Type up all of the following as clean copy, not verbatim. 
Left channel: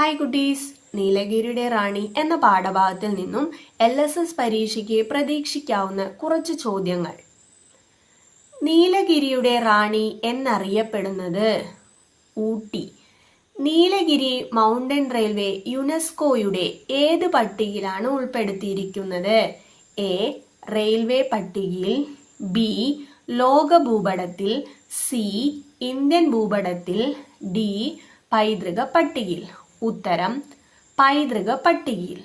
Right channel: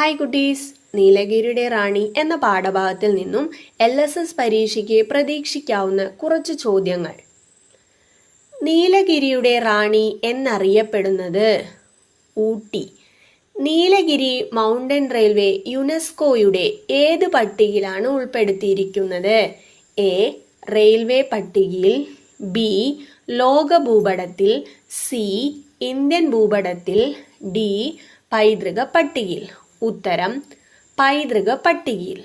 Hi കുട്ടീസ്, നീലഗിരിയുടെ റാണി എന്ന പാഠഭാഗത്തിൽ നിന്നും LSS പരീക്ഷയ്ക്ക് പ്രതീക്ഷിക്കാവുന്ന കുറച്ച് ചോദ്യങ്ങൾ. നീലഗിരിയുടെ റാണി എന്നറിയപ്പെടുന്നത് ഊട്ടി. നീലഗിരി മൗണ്ടൻ റെയിൽവേ യുനെസ്കോയുടെ ഏത് പട്ടികയിലാണ് ഉൾപ്പെടുത്തിയിരിക്കുന്നത്? എ. റെയിൽവേ പട്ടികയിൽ, ബി. ലോക ഭൂപടത്തിൽ, സി. ഇന്ത്യൻ ഭൂപടത്തിൽ, ഡി. പൈതൃക പട്ടികയിൽ. ഉത്തരം പൈതൃക പട്ടികയിൽ.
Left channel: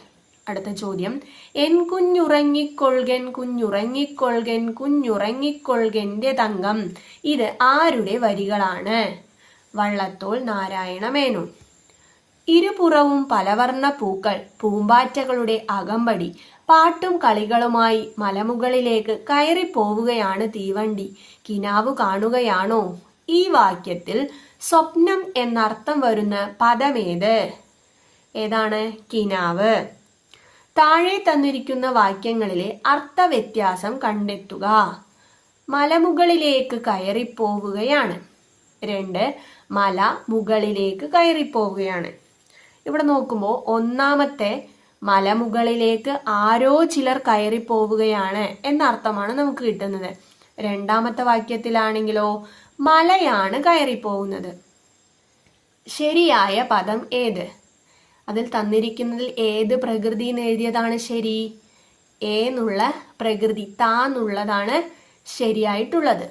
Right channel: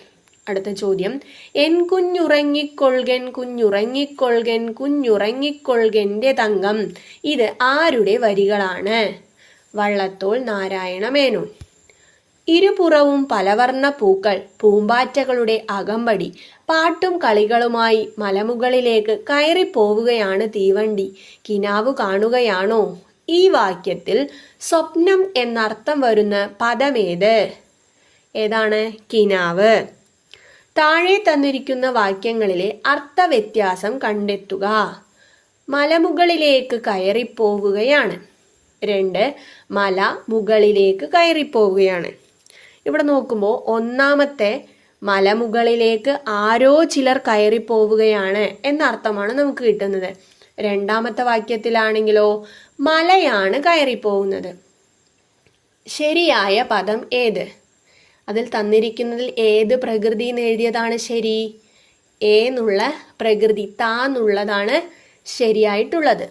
അടുത്ത ചോദ്യം, എൻ കുഞ്ഞുറങ്ങിക്കൊൾകൻ കുഞ്ഞുറങ്ങിക്കൊൾകൻ കുഞ്ഞുറങ്ങിക്കൊൾകന്റെ തങ്കം. ഇത് ആരുടെ വരികളാണ്? വള്ളത്തോൾ നാരായണ മേനോൻ. ഇരുപുറവും പലവർണ്ണ പൂക്കൾ, പൂമ്പാറ്റകളുടെ അകമ്പടി, പാട്ടും കളികളുമായി മലമുകളിലേക്ക് കയറിപ്പോവുകയാണ് തീവണ്ടി, കിനാവ് കാണുകയാണോ? ഈ വാക്യത്തിൽ സ്വപ്നം എന്നർത്ഥം വരുന്ന പദമേത്? ഏതാണ്? കിനാവ്. താഴെ തന്നിരിക്കുന്ന വാക്യങ്ങളിലെ അർത്ഥവ്യത്യാസം കണ്ടെത്തുക. മലമുകളിലേക്ക് കയറിപ്പോവുകയാണ്. 2. മല മുകളിലേക്ക് കയറിപ്പോവുകയാണ്. ഇവിടെ നോക്കുമ്പോൾ ഒന്നാമത്തെ മലമുകളിലേക്ക് ആരോ ചിലർ കയറിപ്പോവുകയാണ് എന്നർത്ഥമാണ് നമുക്ക് കിട്ടുന്നത്. രണ്ടാമത്തെ വാക്യത്തിലാണെങ്കിലോ മലയാണ് കയറിപ്പോകുന്നത്. ശരിയായ പദം ഏത്? അതിൽ തന്നിരിക്കുന്നതിൽ ഏത് പ്രകൃതി എന്ന് എഴുതിയതാണ് ശരി? എന്നുള്ള പ്രകൃതി, താന്നുള്ളതാണ് ശരിയായിട്ടുള്ളത്.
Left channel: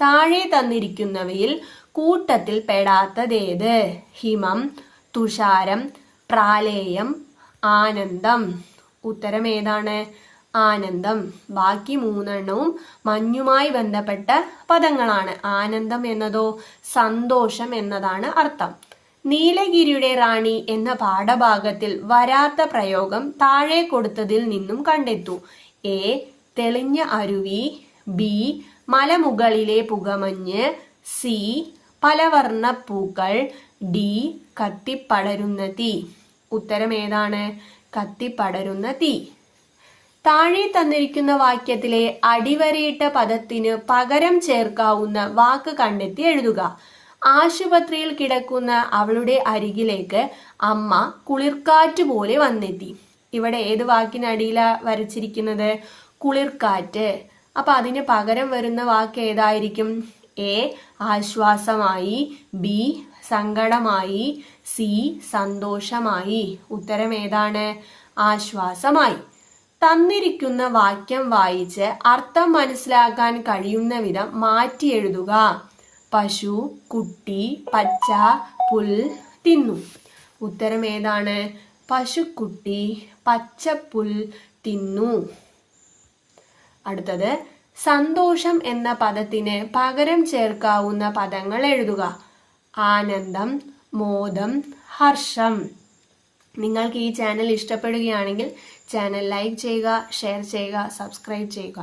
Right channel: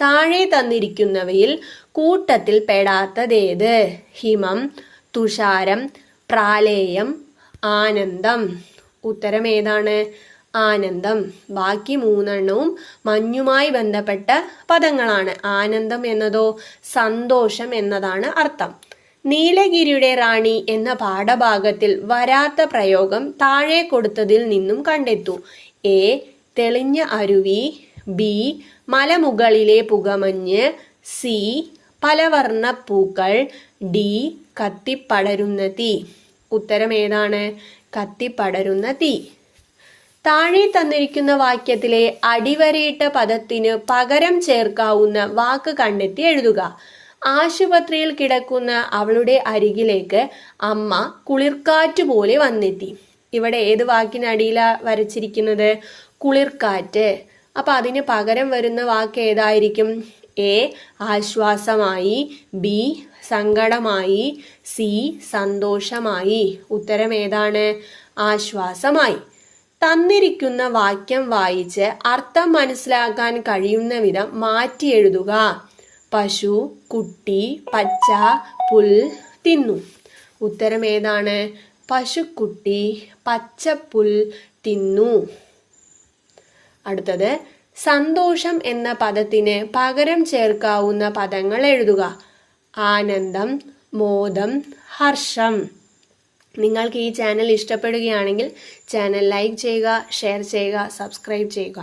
താഴെ തന്നിരിക്കുന്നവയിൽ കൂട്ടത്തിൽ പെടാത്തതേത്? ഹിമം, തുഷാരം, പ്രാലേയം, ആനന്ദം. ഉത്തരം ഏതാണ്? ആനന്ദം. ബാക്കി 3 മഞ്ഞുമായി ബന്ധപ്പെട്ട പദങ്ങളാണ്. ആനന്ദം എന്നതോ സന്തോഷം എന്നതാണ് അർത്ഥം. നീലഗിരിയുടെ റാണി എന്ന പാഠഭാഗത്തിൽ വരാത്ത പ്രയോഗം താഴെ കൊടുത്തതിൽ നിന്നും കണ്ടെത്തൂ. എ. തെളിഞ്ഞ അരുവി, ബി. മലമുകളിലെ പുകമഞ്ഞ്, സി. പലവർണ്ണ പൂക്കൾ, ഡി. കത്തിപ്പടരുന്ന തീ. ഉത്തരം ഏതാണ്? കത്തിപ്പടരുന്ന തീ. താഴെ തന്നിരിക്കുന്ന വാക്യത്തിലെ അടിവരയിട്ട പദത്തിന് പകരം ചേർക്കാവുന്ന വാക്ക് കണ്ടെത്തി എഴുതുക. ആശുപത്രിയിൽ കിടക്കുന്ന അവളുടെ അരികിലേക്ക് അമ്മ കുളിർക്കാറ്റ് പോലെ വന്നെത്തി. ഇവിടെ ഏത് വാക്കിനടിയിലാ വരച്ചിരിക്കുന്നത്? കുളിർക്കാറ്റ്. അപ്പൊ അതിന് പകരം വരുന്ന വാക്ക് ഏതായിരിക്കും? എ. ആശ്വാസമായി, ബി. സങ്കടമായി, സി. സന്തോഷമായി. ഉത്തരം ഏതാണ്? ആശ്വാസമായി. തന്നിരിക്കുന്ന വാക്യം വായിച്ച് അർത്ഥം മനസ്സിലാക്കാൻ കഴിയുന്ന വിധം മാറ്റി എഴുതുക. പശു, കുട്ടി, പച്ച, പുൽ തിന്നു. ഉത്തരം ഏതാണ്? പശുക്കുട്ടി പച്ചപ്പുൽ തിന്നു. അടുത്തത്, സന്തോഷം എന്ന പദത്തിന് പകരം ചേർക്കാവുന്ന പദങ്ങൾ എഴുതുക. ആനന്ദം, മോദം, ഹർഷം. നിങ്ങൾക്ക് ഈ ചാനൽ ഇഷ്ടപ്പെടുകയാണെങ്കിൽ ചാനൽ ലൈക്ക് ചെയ്യുക, ഷെയർ ചെയ്യുക, സബ്സ്ക്രൈബ് ചെയ്യുക.